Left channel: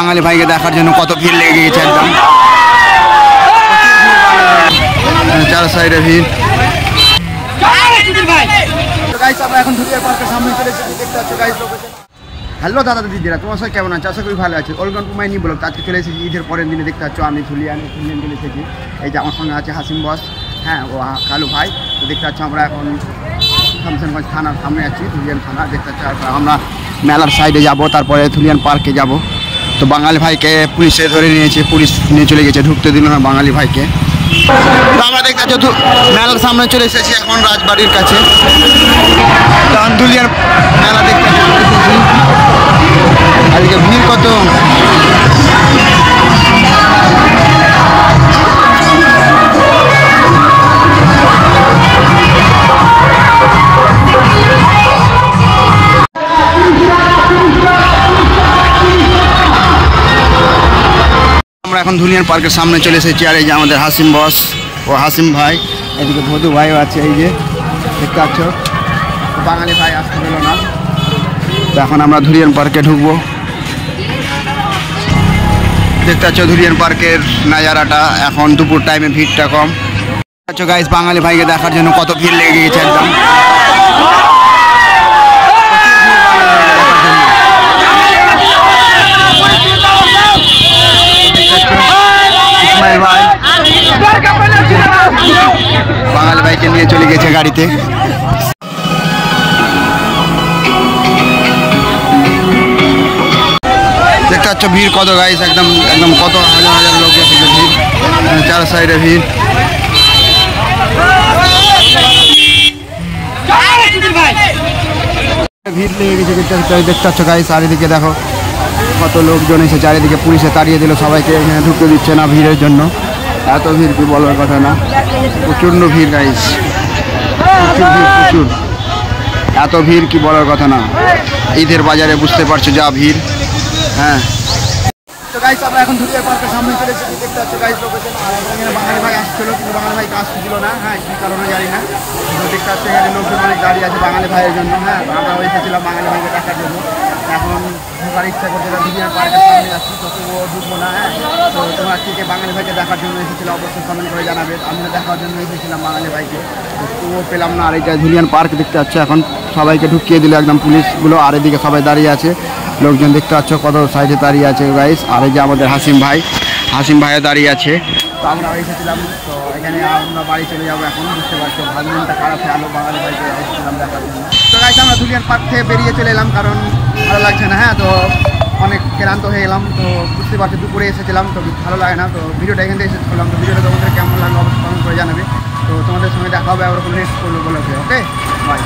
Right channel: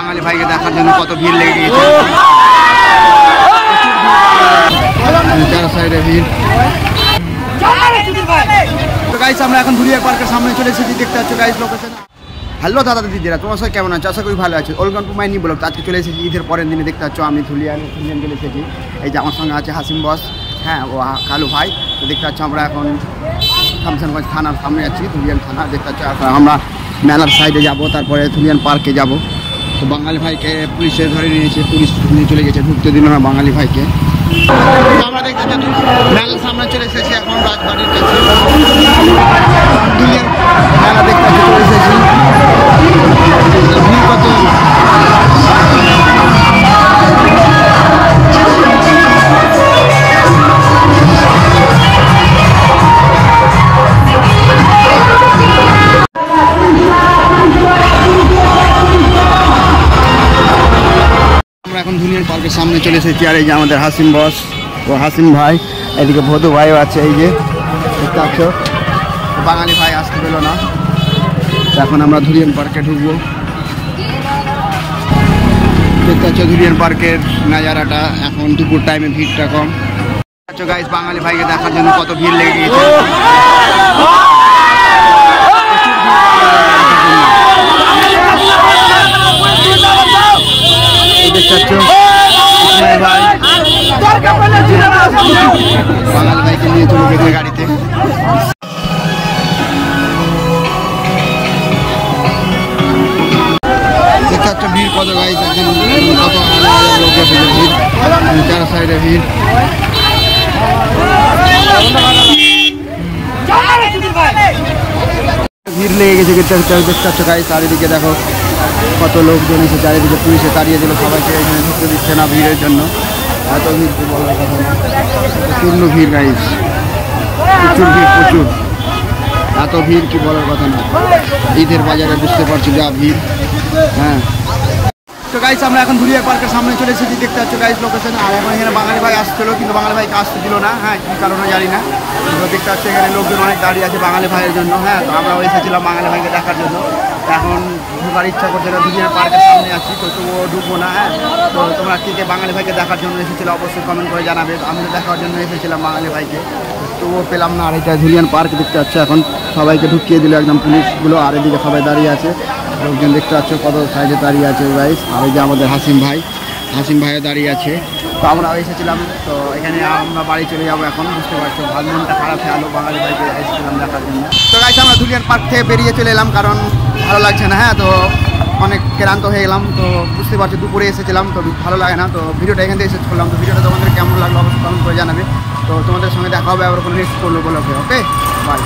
বাঙালি ভাইকে দেখার জন্য কত ভিড় লেগে গিয়েছে চার সাইডে ভিড়। তো গাইস আমরা এখন ধুলিয়ার পার্কের সামনে চলে এসেছি, দেখতে পাচ্ছ গাইস লোকেশন। হ্যালো দাদা দিদিরা, তোমার সবাই কেমন আছে? আশা করি ভালো আছে। Welcome to my new blog. আজকে চলে এসেছি ঈদের পরের দিনে, দেখতে পাচ্ছ আমি ধুলিয়ান চলে এসেছি। এই যে আমার সঙ্গে আছে হাসিম বস, হ্যাঁ ও কালু ভাই। তো দেখতে পাচ্ছ আমরা এখন শামসানগঞ্জ থানার সামনে আছি, ধুলিয়ান থানা। দেখতে পাচ্ছ এখন আমরা মেলার সাইডে যাব, তারপরে ধুলিয়ান পার্কে যাব। তো বাঙালি ভাইকে পুলিশে ধরে নিয়েছে, পুলিশ নিয়ে চলে গেছে, ঢুকতে দিল না বাঙালি ভাইকে। তো আমরা দেখতে পাচ্ছ মেলার সামনে চলে এসেছি এখন রাজবাড়ির কাছে। ধুলিয়ার মেলা দেখতে পাচ্ছি চলে এসেছি। আজকে ভিড় কত! আমরা এখন ধুলিয়ান পার্কের সামনে চলে এসেছি। আর এই যে আমাদের হাসিম বস ও হাসিম ভাই, এদিকে ভদু ভাইও আছে। এই যে দেখতে পাচ্ছ বাঙালি ভাই আসতে পেল না। তো এখন আমরা ধুলিয়ান পার্কে ঢুকবো। দেখতে পাচ্ছ ধুলিয়ান পার্কের নাজারাটা, এখন দুপুর টাইমে ভিড়টা কম। আচ্ছা গাইস, বাঙালি ভাইকে দেখার জন্য কত ভিড় লেগে গিয়েছে ইসমাইল ভাই বাঙালি ভাইকে নিয়ে চলে গেছে গাড়িতে। দেখতে পাচ্ছ ভিড় কত গাইস, একদম একদম কত হাজার হাজার লোক এসেছে, ভিড় চার সাইডে ভিড়। ভিড় লেগে গেছে দেখতে পাচ্ছ গাইস। চারিদিকে দেখো কত লোকজন এসে, চারিদিকে পুলিশে তাড়িয়ে দিল সবাইকে, এখানে ঢুকতে দিচ্ছে না ভিড়ের জন্য। এত ভিড় কি বলার কথা না, প্রচণ্ড ভিড় গাইস, প্রচুর ভিড়, প্রচুর। এত ভিড় কি বলার কথা না। ঈদের বাজারে বুঝতে পারছো যা ভিড়। হ্যাঁ তো গাইস আমরা এখন ধুলিয়ার পার্কের সামনে চলে এসেছি, দেখতে পাচ্ছ গাইস লোকেশন। আর এখন এখানে বাঙালি ভাই আসছিল, কিন্তু বাঙালি ভাইকে আসতে দিল না। হ্যাঁ কী কারণে জানি না। তো দেখতে পাচ্ছ এখানে লোকজন অনেক দাঁড়িয়ে আছে বাঙালি ভাইয়ের জন্য। হ্যাঁ তো আমরাও এসেছিলাম বাঙালি ভাইকে দেখার জন্য। এখন ঢুকার ইচ্ছা করছে না, ধুলিয়ার পার্কের সামনে আছি তো তবুও ঢুকবো না। হ্যাঁ তো তোমরা কে বাঙালি ভাইকে দেখার জন্য এসেছিলো অবশ্যই কমেন্ট করে জানাবে। আমি তো দেখার জন্য এসেছিলাম বাঙালি ভাইকে, তো তবুও পেলাম না। আর এটা ধুলিয়ান পার্ক দেখতে পাচ্ছ, এখন সবাইকে ঢুকিয়ে দিল একদম পুলিশগুলো। আর এদিকে সবাই দাঁড়িয়ে আছে, লোকজন দেখতে পাচ্ছ কত সাইডে দাঁড়িয়ে আছে গাইস। আর এই যে আমাদের হাসিম ভাইও দাঁড়িয়ে আছে। তো আমরা এসেছিলাম, তো এখানে আমরা বাড়ি চলে যাবো এখন। বুঝতে পারছো মনটা খারাপ হয়ে আলো, বাঙালি ভাইকে এসেছিলাম দেখার জন্য। তো গাইস আমরা ধুলিয়ান পার্ক থেকে বেরিয়ে চলে এলাম, কারণ ভালো লাগছে না। হ্যাঁ তো অনেক ক্লান্ত হয়ে গেলাম। তো বুঝতে পারছো দুপুরে এসেছিলাম, তো ভালো লাগে না। তো ভিডিওটা এখান থেকে শেষ করলাম। তো ভিডিওটা তোমাদের কেমন লাগলো অবশ্যই কমেন্ট করে জানাবে। তো তোমাদের সঙ্গে দেখা হবে আবার কোনো নেক্সট করলো বলো। Okay bye.